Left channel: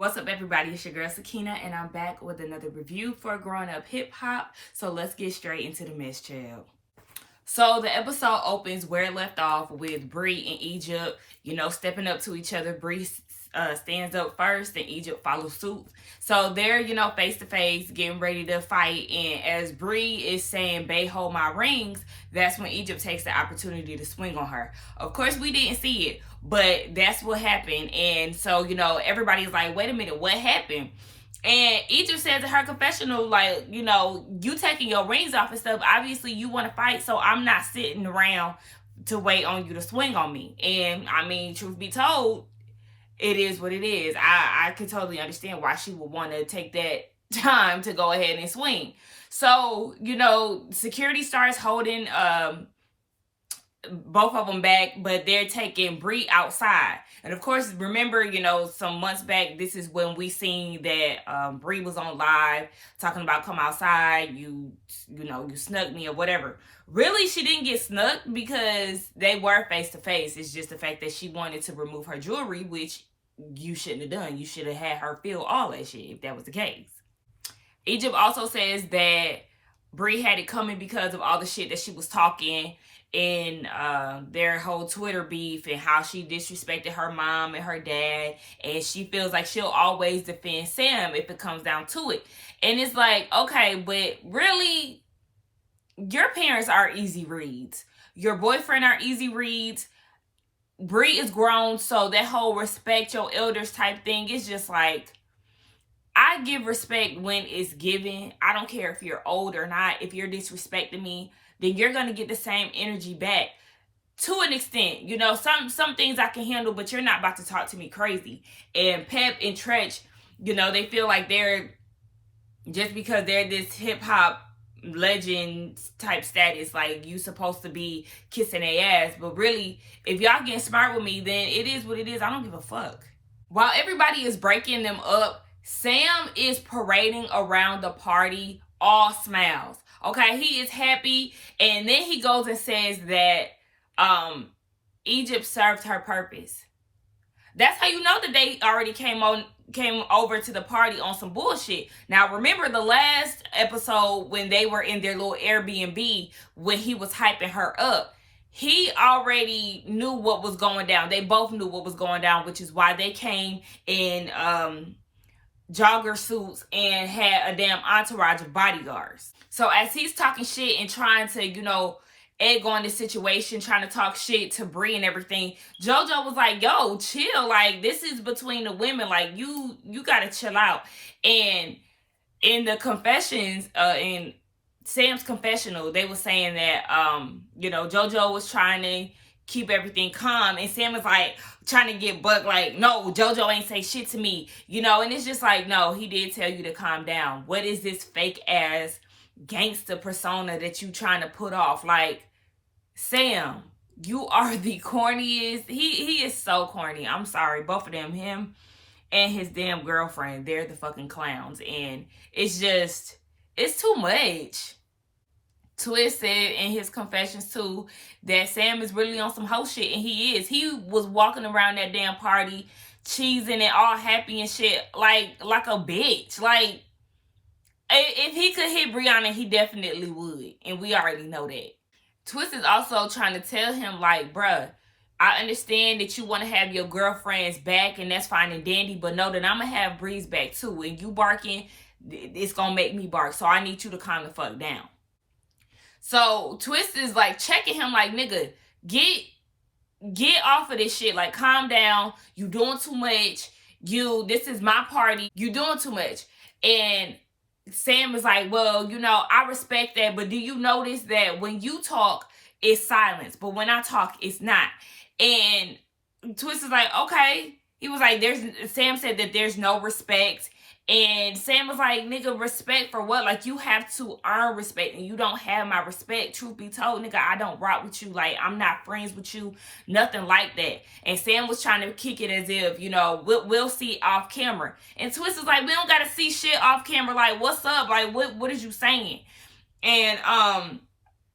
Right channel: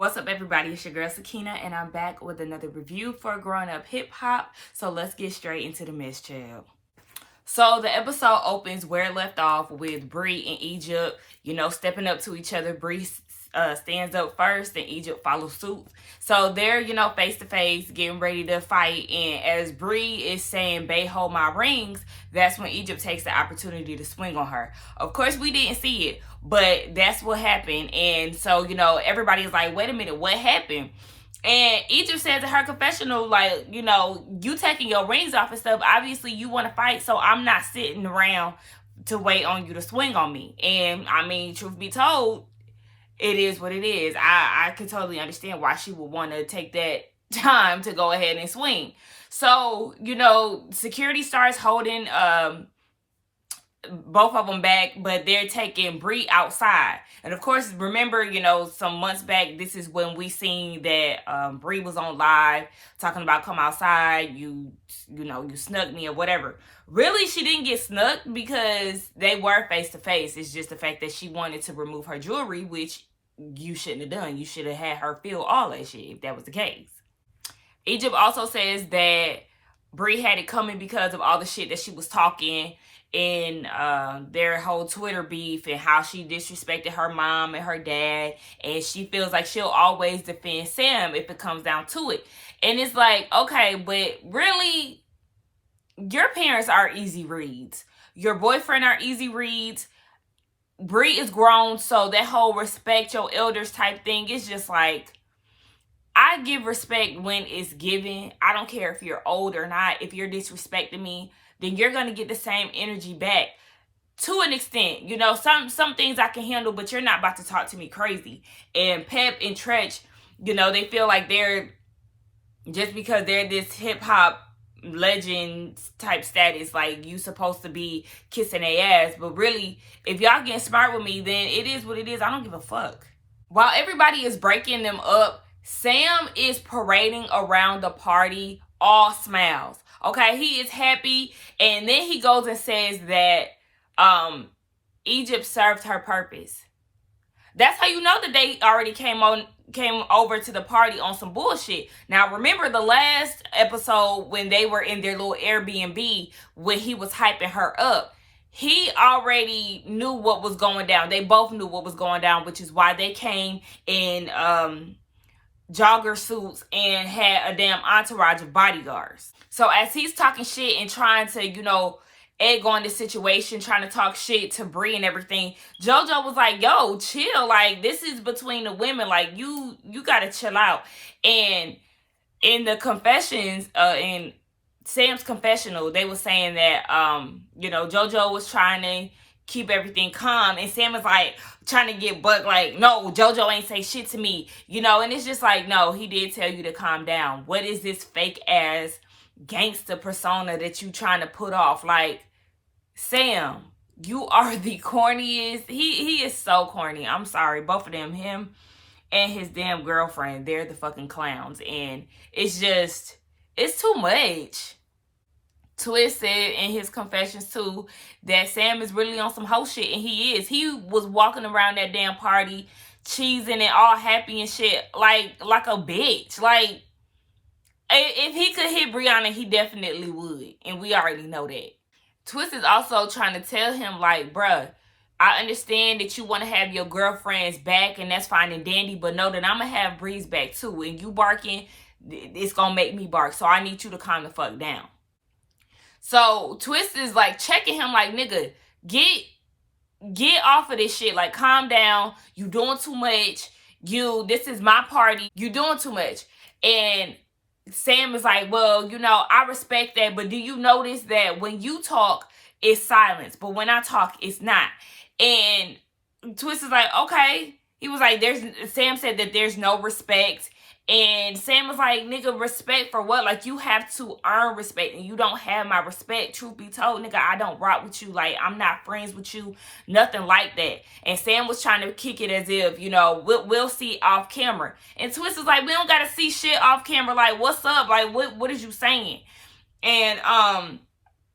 What's up, everybody? It's your girl Sakina, and I'm back with another review for Growing Up Hip Hop. So let's get straight into the mess, child. So the episode opens where it left off with Bri and Egypt, stepping up to each other. Bri stands up first, and Egypt follows suit. So they're, face to face, getting ready to fight. And as Bri is saying, "Bae, hold my rings," that's when Egypt takes the opportunity to swing on her. Of course, we didn't see it, but that's what happened. And so, everybody's like, wait a minute, what happened? And Egypt says in her confessional, like, you taking your rings off and stuff, obviously you want to fight, so I'm not sitting around to wait on you to swing on me. And I mean, truth be told, it is what it is. I can totally understand why she would want to take that time to go ahead and swing. So, security starts holding both of them back, but they're taking Bri outside. And of course, remember, some months back, this is when we seen that Bri was on live talking about come outside, you snuck me or whatever. Really, she didn't get snuck because they were face to face. It's just the fact that she wanted to remove her jewelry, which you shouldn't have done. You should have had her feel all that shit if that was the case. Egypt also says that Bri had it coming because of all the shit that she was talking in their whole Twitter beef and how she disrespected her mom and her dad, and she feels like she'll always defend Sam if it comes down to it. And it's like, okay, but really, your parents are easy reads. Your boyfriend are easy reads. Bri is grown, so that whole respect your elders type thing is just like, I give respect when it's given. I don't care if you're old or not. If you're disrespecting me, then you're going to get the same energy back to an extent. Some things I can handle, but you're not about to talk to me crazy. And Pep and Tretch, they feel like they're, just because they're this hip hop legend type status, like you supposed to be kissing their ass. But really, if y'all getting smart with me, then it is what it is. I don't give a fuck. While everybody is breaking them up, Sam is parading around the party, all smiles. Okay, he is happy. And then he goes and says that Egypt served her purpose. That's how you know that they already came over to the party on some bullshit. Now, remember the last episode when they were in their little Airbnb, when he was hyping her up, he already knew what was going down. They both knew what was going down, which is why they came in jogger suits and had a damn entourage of bodyguards. So as he's talking shit and trying to, egg on the situation, trying to talk shit to Bri and everything, JoJo was like, yo, chill. Like, this is between the women. Like, you gotta chill out. And in the confessions, in Sam's confessional, they were saying that, JoJo was trying to keep everything calm. And Sam was like, trying to get Buck like, no, JoJo ain't say shit to me. And it's just like, no, he did tell you to calm down. What is this fake ass gangster persona that you trying to put off? Like, Sam, you are the corniest. He is so corny. I'm sorry. Both of them, him and his damn girlfriend, they're the fucking clowns. And it's too much. Twist said in his confessions too that Sam is really on some hoe shit, and he is. He was walking around that damn party, cheesing and all happy and shit, like a bitch. Like, if he could hit Brianna, he definitely would, and we already know that. Twist is also trying to tell him, like, bruh, I understand that you want to have your girlfriend's back, and that's fine and dandy, but know that I'm going to have Bri's back, too. And you barking, it's going to make me bark, so I need you to calm the fuck down. So Twist is, like, checking him, like, nigga, get off of this shit. Like, calm down. You doing too much. This is my party. You doing too much. And Sam is like, well, I respect that, but do you notice that when you talk, it's silence, but when I talk, it's not? And Twist is like, okay. He was like, Sam said that there's no respect. And Sam was like, nigga, respect for what? Like, you have to earn respect, and you don't have my respect. Truth be told, nigga, I don't rock with you. Like, I'm not friends with you. Nothing like that. And Sam was trying to kick it as if, we'll see off camera. And Twist was like, we don't got to see shit off camera. Like, what's up? Like, what is you saying? And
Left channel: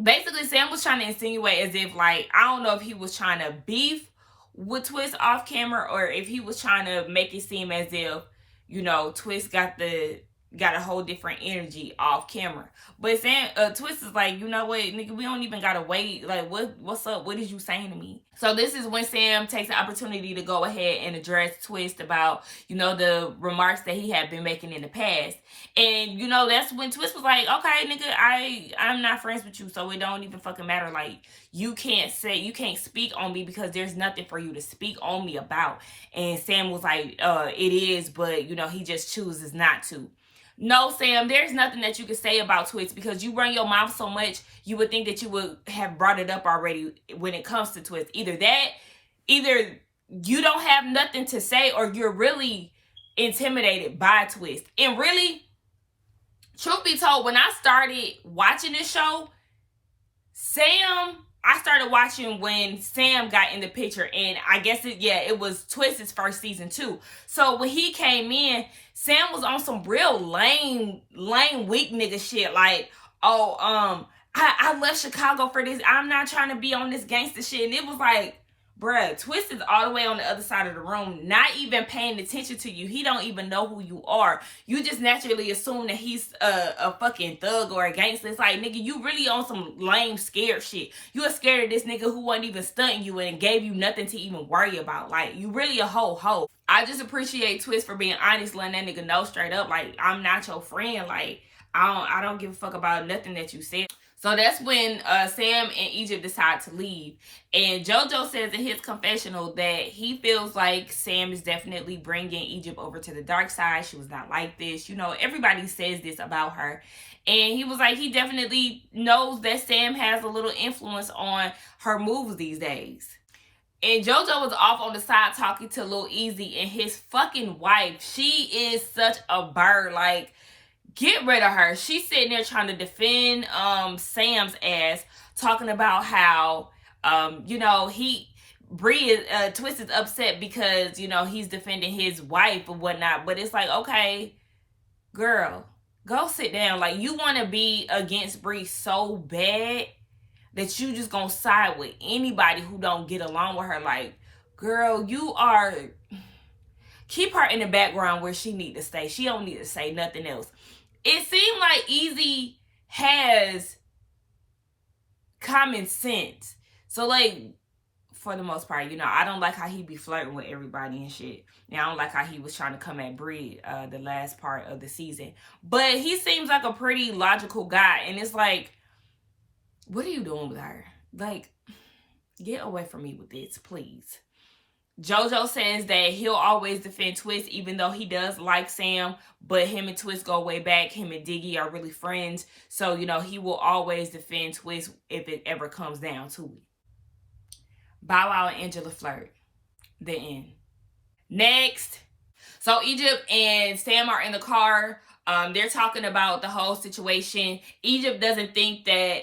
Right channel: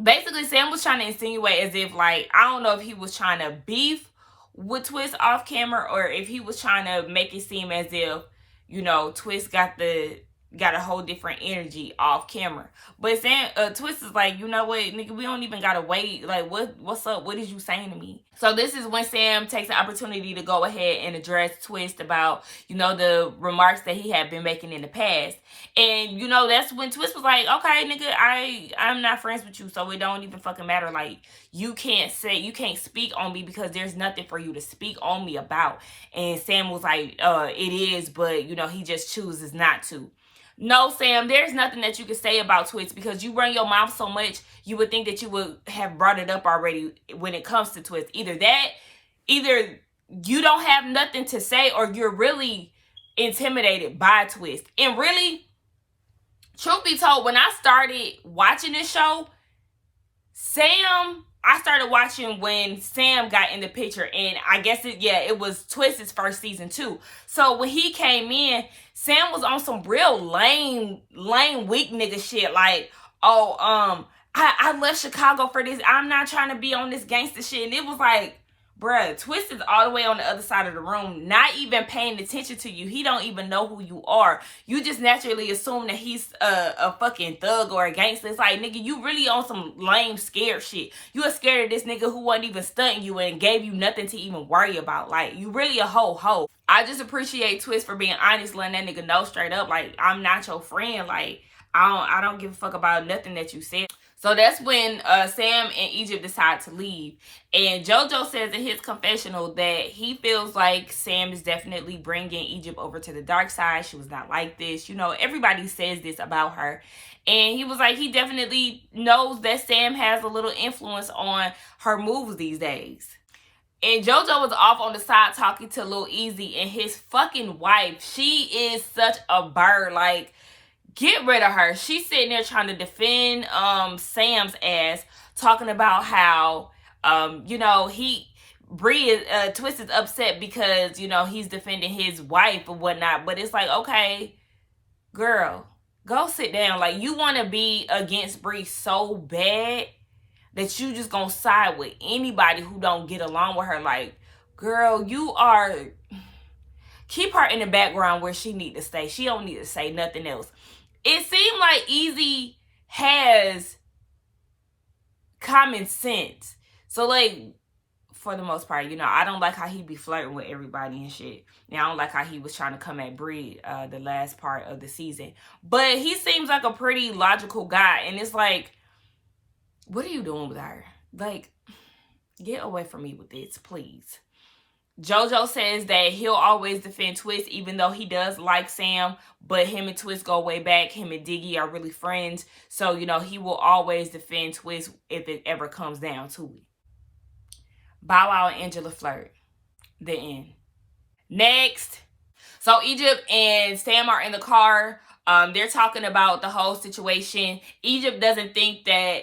basically, Sam was trying to insinuate as if, like, I don't know if he was trying to beef with Twist off camera, or if he was trying to make it seem as if you know, Twist got a whole different energy off camera. But Sam, Twist is like, you know what, nigga, we don't even gotta wait. Like, what's up? What is you saying to me? So this is when Sam takes the opportunity to go ahead and address Twist about, you know, the remarks that he had been making in the past. And, you know, that's when Twist was like, okay, nigga, I'm not friends with you, so it don't even fucking matter. Like, you can't speak on me because there's nothing for you to speak on me about. And Sam was like, it is, but, you know, he just chooses not to. No, Sam, there's nothing that you can say about Twist because you run your mouth so much, you would think that you would have brought it up already when it comes to Twist. Either you don't have nothing to say or you're really intimidated by Twist. And really, truth be told, when I started watching this show, I started watching when Sam got in the picture, and I guess it was Twist's first season too. So when he came in, Sam was on some real lame, weak nigga shit. Like, I left Chicago for this. I'm not trying to be on this gangster shit. And it was like, bruh, Twist is all the way on the other side of the room, not even paying attention to you. He don't even know who you are. You just naturally assume that he's a fucking thug or a gangster. It's like, nigga, you really on some lame, scared shit. You are scared of this nigga who wasn't even stunting you and gave you nothing to even worry about. Like, you really a hoe. I just appreciate Twist for being honest, letting that nigga know straight up, like, I'm not your friend. Like, I don't give a fuck about nothing that you said. So that's when Sam and Egypt decide to leave. And JoJo says in his confessional that he feels like Sam is definitely bringing Egypt over to the dark side. She was not like this. You know, everybody says this about her. And he was like, he definitely knows that Sam has a little influence on her moves these days. And JoJo was off on the side talking to Lil Eazy and his fucking wife. She is such a bird. Like, get rid of her. She's sitting there trying to defend Sam's ass, talking about how you know, Twist is upset because, you know, he's defending his wife or whatnot. But it's like, okay, girl, go sit down. Like, you want to be against Bri so bad that you just gonna side with anybody who don't get along with her. Like, girl, keep her in the background where she need to stay. She don't need to say nothing else. It seemed like Eazy has common sense. So, like, for the most part, you know, I don't like how he be flirting with everybody and shit. Now, I don't like how he was trying to come at Bri the last part of the season. But he seems like a pretty logical guy. And it's like, what are you doing with her? Like, get away from me with this, please. JoJo says that he'll always defend Twist, even though he does like Sam. But him and Twist go way back. Him and Diggy are really friends. So, you know, he will always defend Twist if it ever comes down to it. Bow Wow and Angela flirt. The end. Next. So Egypt and Sam are in the car. They're talking about the whole situation. Egypt doesn't think that,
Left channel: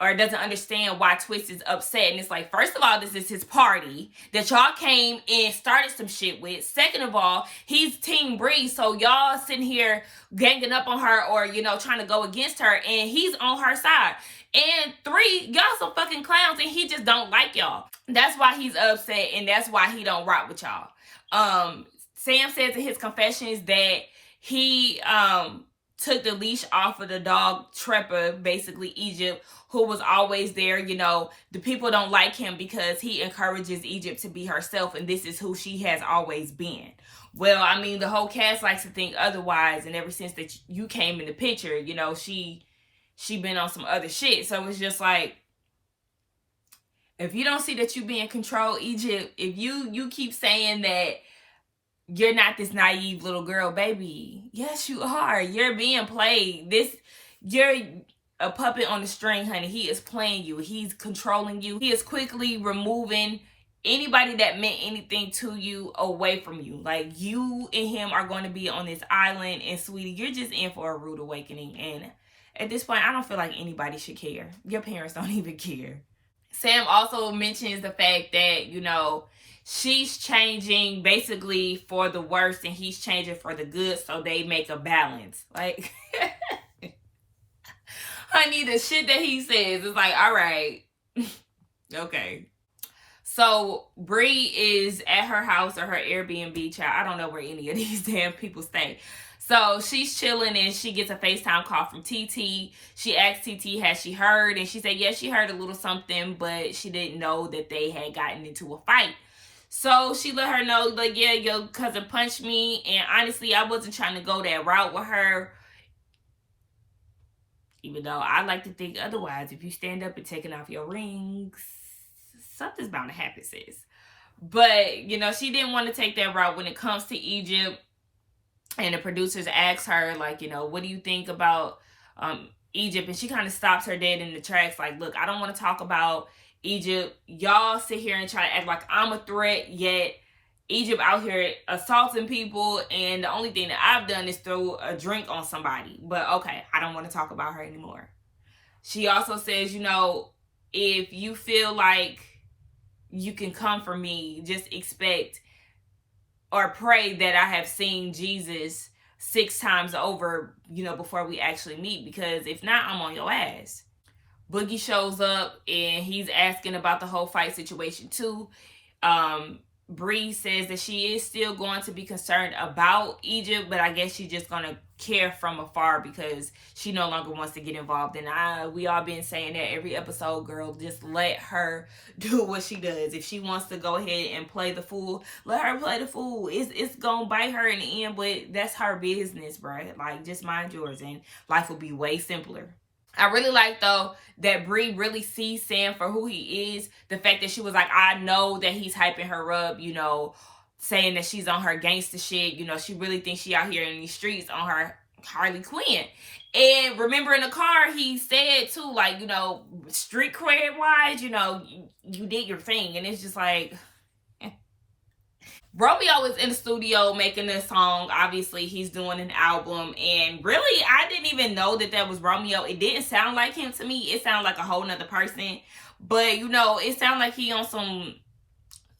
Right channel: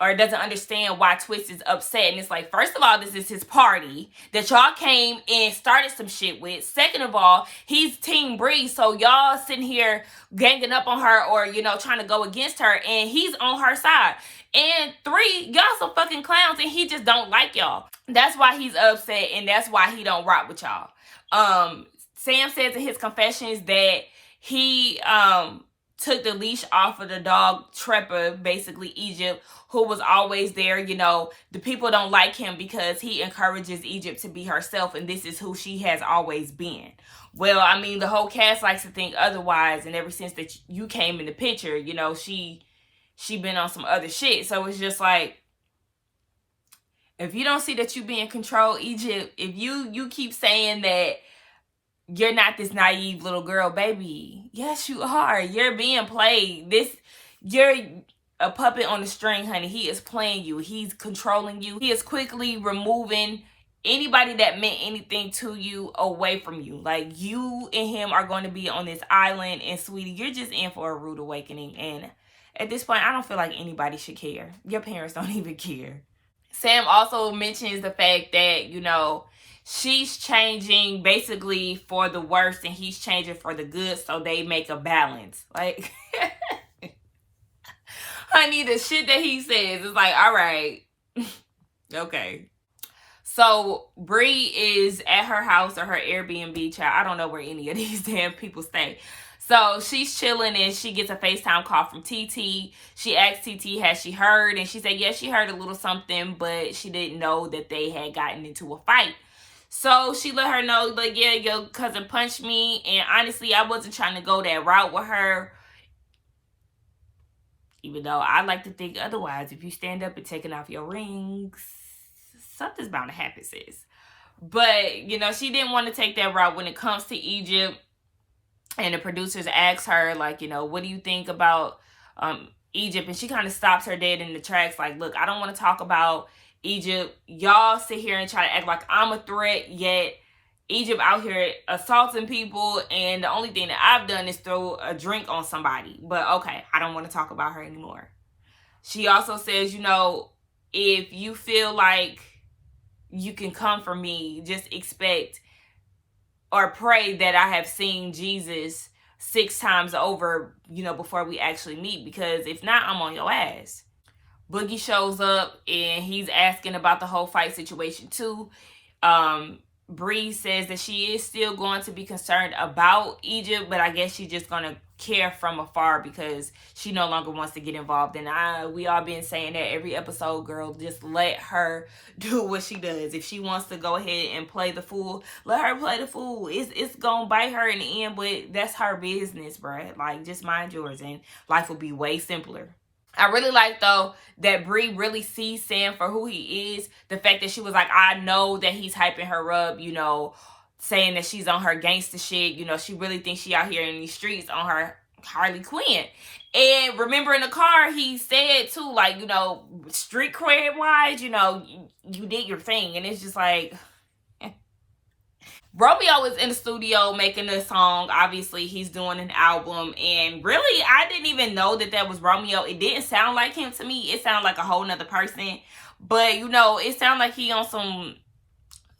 or doesn't understand why Twist is upset. And it's like, first of all, this is his party that y'all came and started some shit with. Second of all, he's Team Bri. So y'all sitting here ganging up on her or, you know, trying to go against her. And he's on her side. And 3, y'all some fucking clowns and he just don't like y'all. That's why he's upset and that's why he don't rock with y'all. Sam says in his confessions that he took the leash off of the dog Treppa, basically Egypt, who was always there. You know, the people don't like him because he encourages Egypt to be herself, and this is who she has always been. Well, I mean, the whole cast likes to think otherwise, and ever since that you came in the picture, you know, she been on some other shit. So it's just like, if you don't see that you being controlled, Egypt, if you keep saying that you're not this naive little girl, baby, yes, you are. You're being played. You're a puppet on the string, honey. He is playing you. He's controlling you. He is quickly removing anybody that meant anything to you away from you. Like, you and him are going to be on this island, and sweetie, you're just in for a rude awakening. And at this point, I don't feel like anybody should care. Your parents don't even care. Sam also mentions the fact that, you know, she's changing basically for the worse and he's changing for the good, so they make a balance. Like, honey, the shit that he says is like, all right, okay. So Bri is at her house or her Airbnb, child. I don't know where any of these damn people stay. So she's chilling and she gets a FaceTime call from TT. She asks TT, has she heard? And she said, yes, she heard a little something, but she didn't know that they had gotten into a fight. So she let her know, like, yeah, your cousin punched me. And honestly, I wasn't trying to go that route with her. Even though I like to think otherwise. If you stand up and taking off your rings, something's bound to happen, sis. But, she didn't want to take that route when it comes to Egypt. And the producers asked her, like, what do you think about Egypt? And she kind of stops her dead in the tracks, like, look, I don't want to talk about Egypt. Y'all sit here and try to act like I'm a threat, yet Egypt out here assaulting people, and the only thing that I've done is throw a drink on somebody. But okay, I don't want to talk about her anymore. She also says, if you feel like you can come for me, just expect or pray that I have seen Jesus 6 times over, before we actually meet, because if not, I'm on your ass. Boogie shows up and he's asking about the whole fight situation too. Bri says that she is still going to be concerned about Egypt, but I guess she's just going to care from afar because she no longer wants to get involved. And we all been saying that every episode, girl, just let her do what she does. If she wants to go ahead and play the fool, let her play the fool. It's going to bite her in the end, but that's her business, bruh. Like, just mind yours and life will be way simpler. I really like, though, that Bri really sees Sam for who he is. The fact that she was like, I know that he's hyping her up, saying that she's on her gangster shit. She really thinks she out here in these streets on her Harley Quinn. And remember in the car, he said, too, like, street cred wise, you did your thing. And it's just like... Romeo is in the studio making a song. Obviously, he's doing an album. And really, I didn't even know that was Romeo. It didn't sound like him to me. It sounded like a whole nother person. But, it sounded like he on some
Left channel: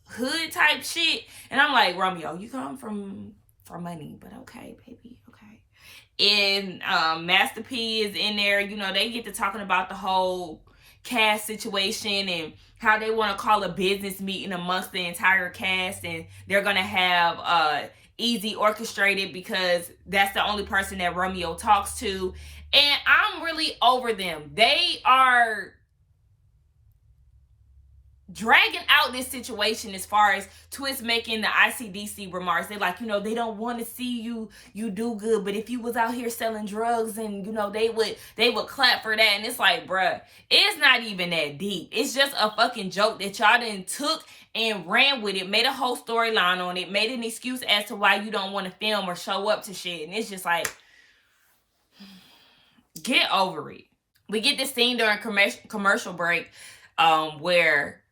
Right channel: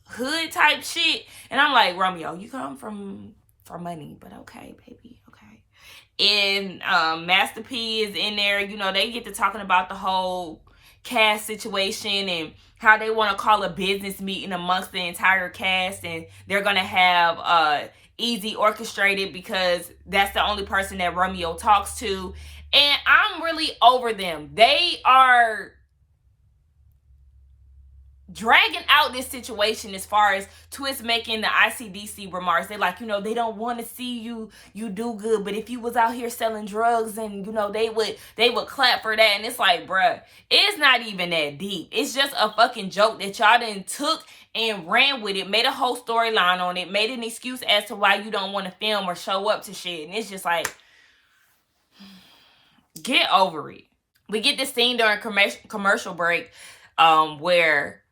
hood type shit. And I'm like, Romeo, you come from for money. But okay, baby, okay. And Master P is in there. They get to talking about the whole cast situation and how they want to call a business meeting amongst the entire cast, and they're gonna have Eazy orchestrated because that's the only person that Romeo talks to. And I'm really over them. They are dragging out this situation as far as Twist making the ICDC remarks. They're like, they don't want to see you do good, but if you was out here selling drugs, and they would clap for that. And it's like, bruh, it's not even that deep. It's just a fucking joke that y'all done took and ran with it, made a whole storyline on it, made an excuse as to why you don't want to film or show up to shit. And it's just like, get over it. We get this scene during commercial break where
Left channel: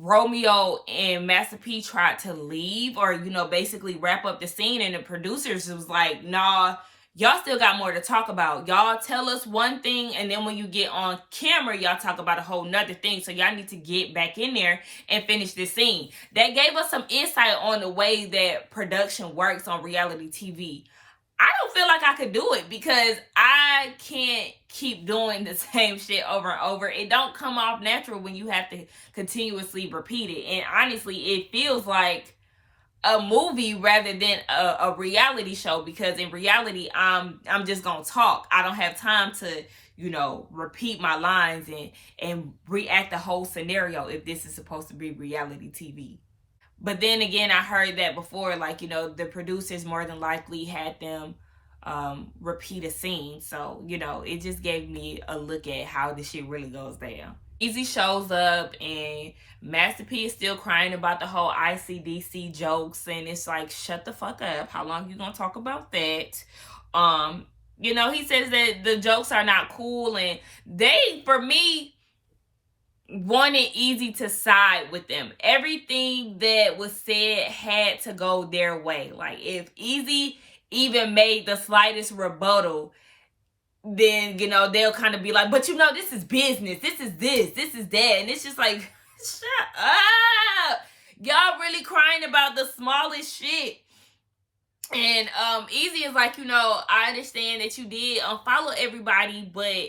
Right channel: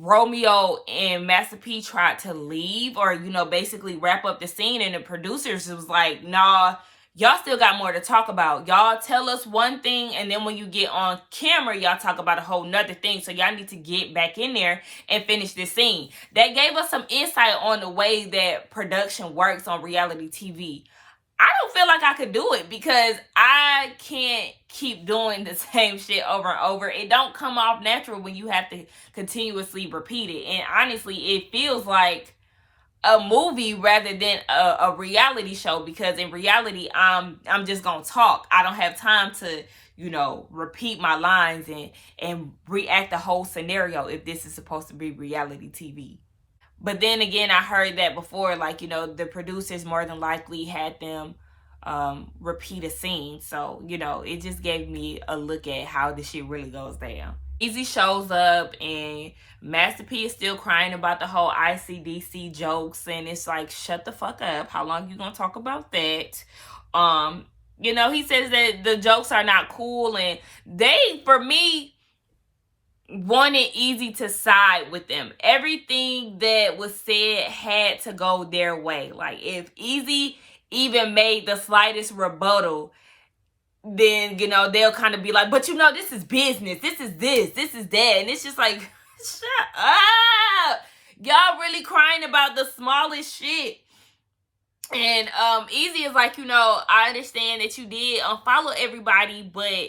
Romeo and Master P tried to leave or, basically wrap up the scene. And the producers was like, nah, y'all still got more to talk about. Y'all tell us one thing, and then when you get on camera, y'all talk about a whole nother thing. So y'all need to get back in there and finish this scene. That gave us some insight on the way that production works on reality TV. I don't feel like I could do it because I can't keep doing the same shit over and over. It don't come off natural when you have to continuously repeat it. And honestly, it feels like a movie rather than a reality show, because in reality, I'm just gonna talk. I don't have time to, repeat my lines and react the whole scenario if this is supposed to be reality TV. But then again, I heard that before, like, the producers more than likely had them repeat a scene. So, it just gave me a look at how this shit really goes down. Eazy shows up and Master P is still crying about the whole ICDC jokes. And it's like, shut the fuck up. How long you gonna talk about that? He says that the jokes are not cool. And they, for me, wanted Eazy to side with them. Everything that was said had to go their way. Like, if Eazy even made the slightest rebuttal, then, they'll kind of be like, but this is business. This is that. And it's just like, shut up. Y'all really crying about the smallest shit. And Eazy is like, I understand that you did unfollow everybody, but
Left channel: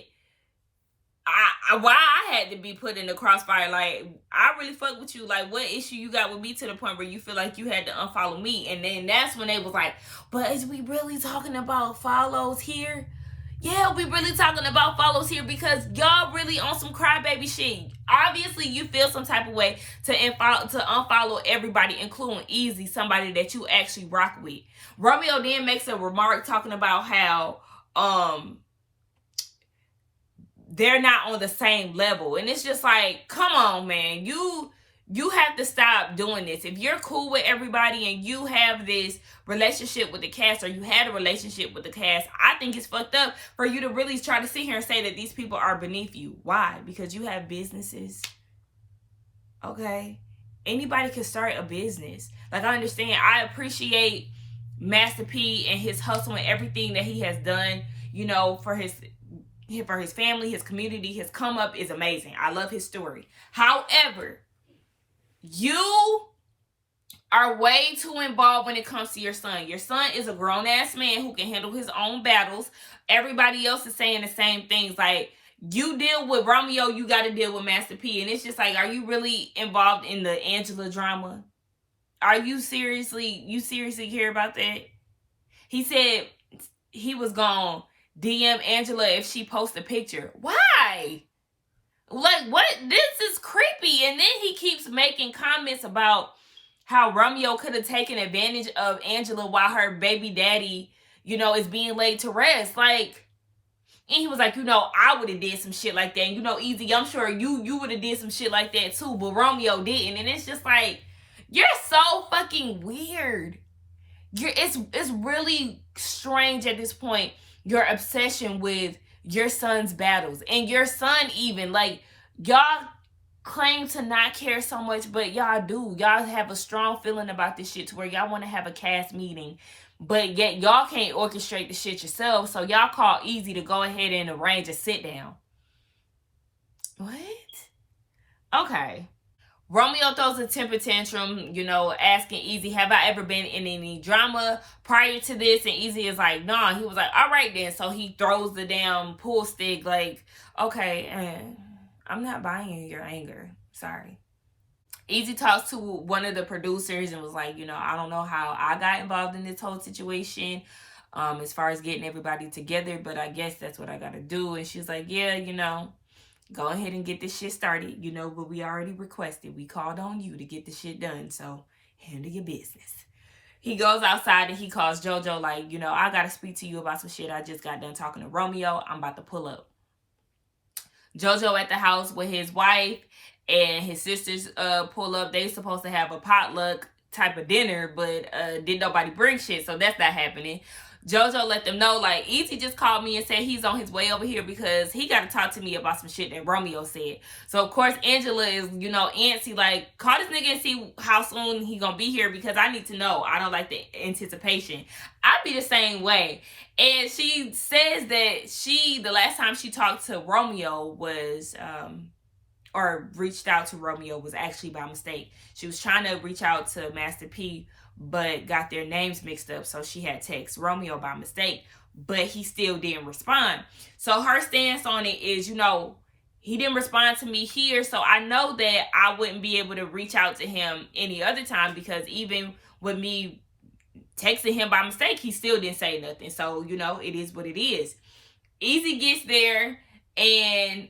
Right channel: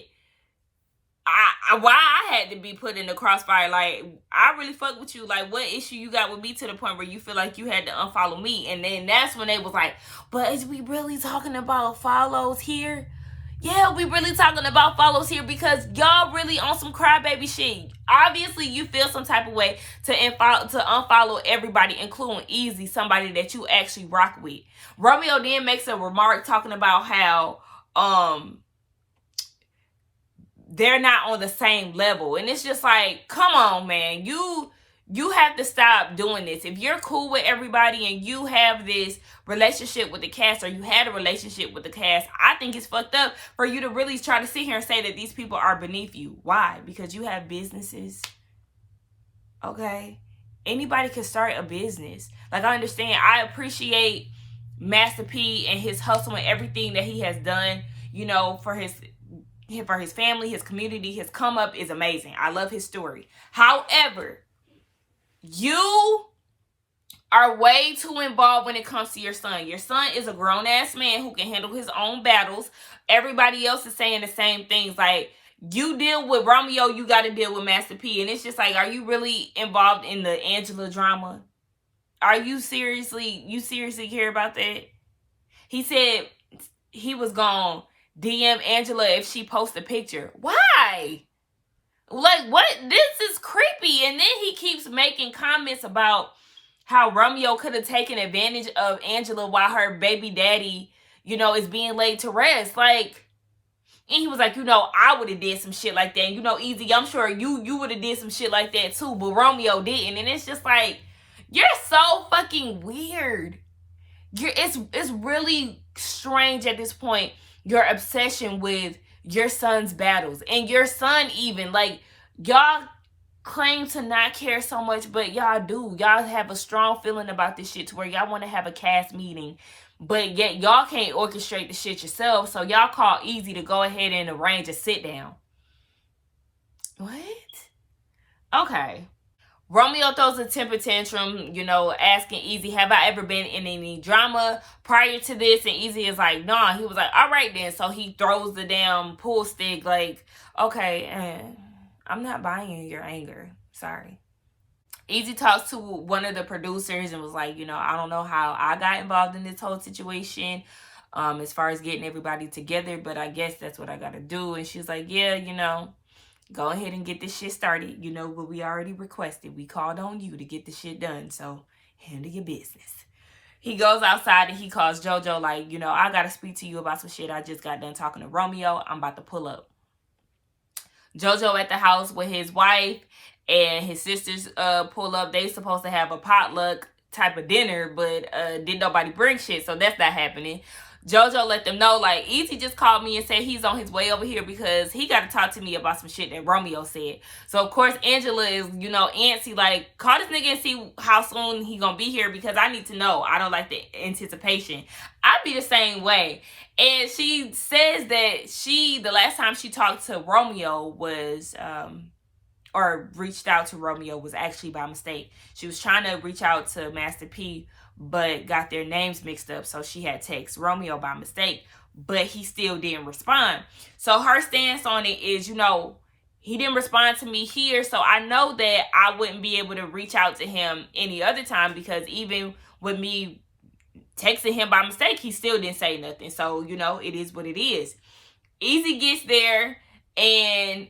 why I had to be put in the crossfire. Like, I really fuck with you. Like, what issue you got with me to the point where you feel like you had to unfollow me? And then that's when they was like, but is we really talking about follows here? Yeah, we really talking about follows here because y'all really on some crybaby shit. Obviously, you feel some type of way to unfollow everybody, including Eazy, somebody that you actually rock with. Romeo then makes a remark talking about how they're not on the same level. And it's just like, come on, man. You have to stop doing this. If you're cool with everybody and you have this relationship with the cast, or you had a relationship with the cast, I think it's fucked up for you to really try to sit here and say that these people are beneath you. Why? Because you have businesses. Okay? Anybody could start a business. Like, I understand. I appreciate Master P and his hustle and everything that he has done, you know, for his family, his community. His come up is amazing. I love his story. However, you are way too involved when it comes to your son. Your son is a grown-ass man who can handle his own battles. Everybody else is saying the same things. Like, you deal with Romeo, you got to deal with Master P. And it's just like, are you really involved in the Angela drama? Are you seriously care about that? He said he was gone. DM Angela if she posts a picture. Why? Like, what? This is creepy. And then he keeps making comments about how Romeo could have taken advantage of Angela while her baby daddy, you know, is being laid to rest. Like, and he was like, you know, I would have did some shit like that. And, you know, Eazy, I'm sure you would have did some shit like that too, but Romeo didn't. And it's just like, you're so fucking weird. It's really strange at this point, your obsession with your son's battles. And your son even, like, y'all claim to not care so much, but y'all do. Y'all have a strong feeling about this shit to where y'all want to have a cast meeting, but yet y'all can't orchestrate the shit yourself. So y'all call Eazy to go ahead and arrange a sit down. What? Okay. Romeo throws a temper tantrum, you know, asking Eazy, have I ever been in any drama prior to this? And Eazy is like, nah. He was like, all right then. So he throws the damn pool stick like, okay, I'm not buying your anger. Sorry. Eazy talks to one of the producers and was like, you know, I don't know how I got involved in this whole situation as far as getting everybody together, but I guess that's what I got to do. And she's like, yeah, you know, go ahead and get this shit started. You know what we already requested. We called on you to get the shit done. So handle your business. He goes outside and he calls JoJo like, you know, I got to speak to you about some shit. I just got done talking to Romeo. I'm about to pull up. JoJo at the house with his wife and his sisters pull up. They supposed to have a potluck type of dinner, but didn't nobody bring shit. So that's not happening. JoJo let them know, like, Eazy just called me and said he's on his way over here because he got to talk to me about some shit that Romeo said. So, of course, Angela is, you know, antsy, like, call this nigga and see how soon he gonna be here because I need to know. I don't like the anticipation. I'd be the same way. And she says that the last time she talked to Romeo was, or reached out to Romeo was actually by mistake. She was trying to reach out to Master P, but got their names mixed up. So she had text Romeo by mistake, but he still didn't respond. So her stance on it is, you know, he didn't respond to me here. So I know that I wouldn't be able to reach out to him any other time because even with me texting him by mistake, he still didn't say nothing. So, you know, it is what it is. Eazy gets there and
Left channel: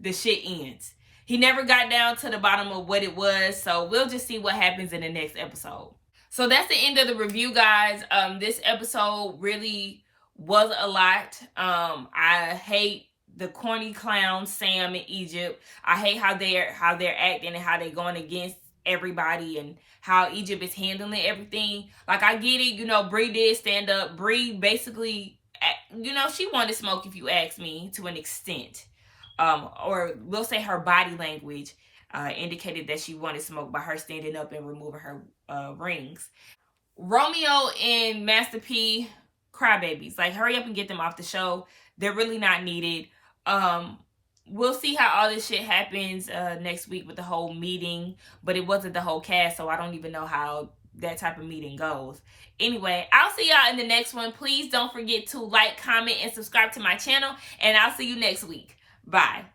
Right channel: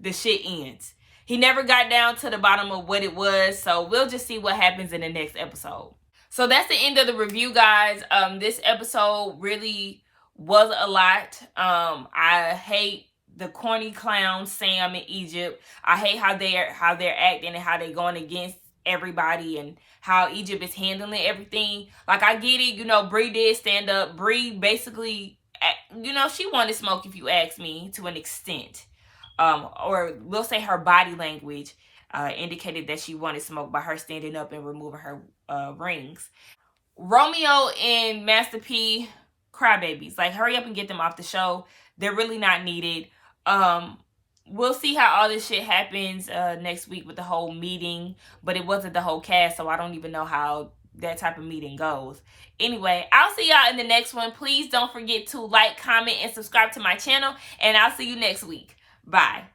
the shit ends. He never got down to the bottom of what it was. So we'll just see what happens in the next episode. So that's the end of the review, guys. This episode really was a lot. I hate the corny clowns, Sam and Egypt. I hate how they're acting and how they're going against everybody and how Egypt is handling everything. Like, I get it, you know, Bri did stand up. Bri basically, you know, she wanted smoke, if you ask me, to an extent. Or we'll say her body language indicated that she wanted smoke by her standing up and removing her rings. Romeo and Master P, crybabies. Like, hurry up and get them off the show. They're really not needed. We'll see how all this shit happens next week with the whole meeting. But it wasn't the whole cast, so I don't even know how that type of meeting goes. Anyway, I'll see y'all in the next one. Please don't forget to like, comment, and subscribe to my channel. And I'll see you next week. Bye.